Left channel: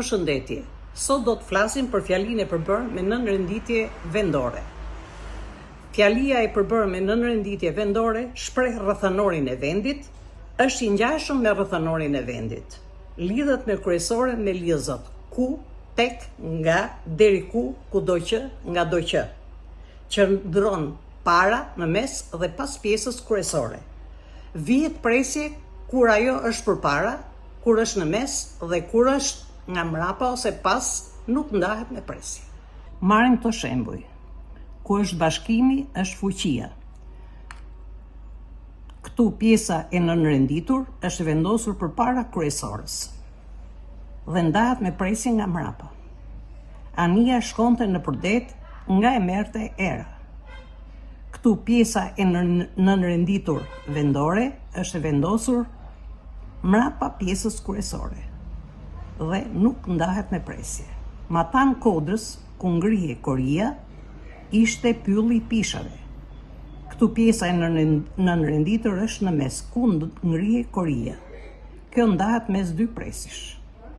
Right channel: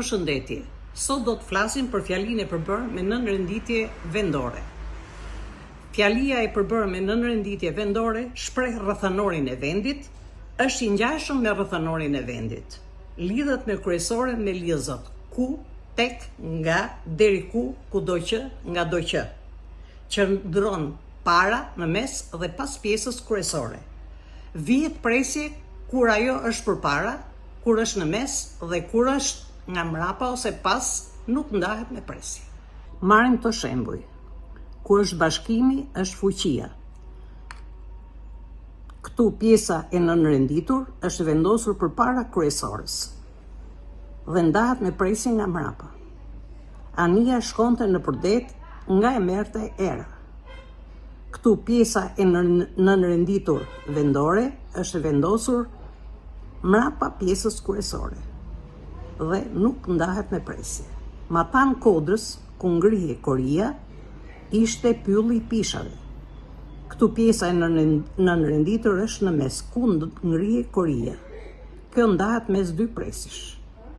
Përshëndetje. Sot do të flasim për fjalinë e përbërë me nënrenditje vendore. Fjalia e përbërë me nënrenditje vendore shpreh rrethanorin e vendit, është i ngjashëm me rrethanorin e vendit. Lidhet me kryesoren me lidhzat ku, tek, nga, deri ku, kudo që, nga do që. Qëndron para, në mes dhe pas pjesës kryesore. Vihet presje kur ajo është përpara, kur është në mes dhe kur është nga mrapa ose pas, nuk ndahet me presje. Marrim të shembuj. Ku është bashkimi, është fuqia. Këtu pjesa e nënrenditur është vendosur përpara kryesores dhe ndahet me presje nga mrapa. Anija shkonte në përdet nga e merrte era. Këtu pjesa e nënrenditur vendore është vendosur mrapa pjesës kryesore dhe nuk ndahet me presje. Matan kodrës, ku ngrihe koria, ishte pylli i pishave. Këtu pjesa e nënrenditur është në mes, ku ngrihe koria. Kjo ndahet mes dy presësh.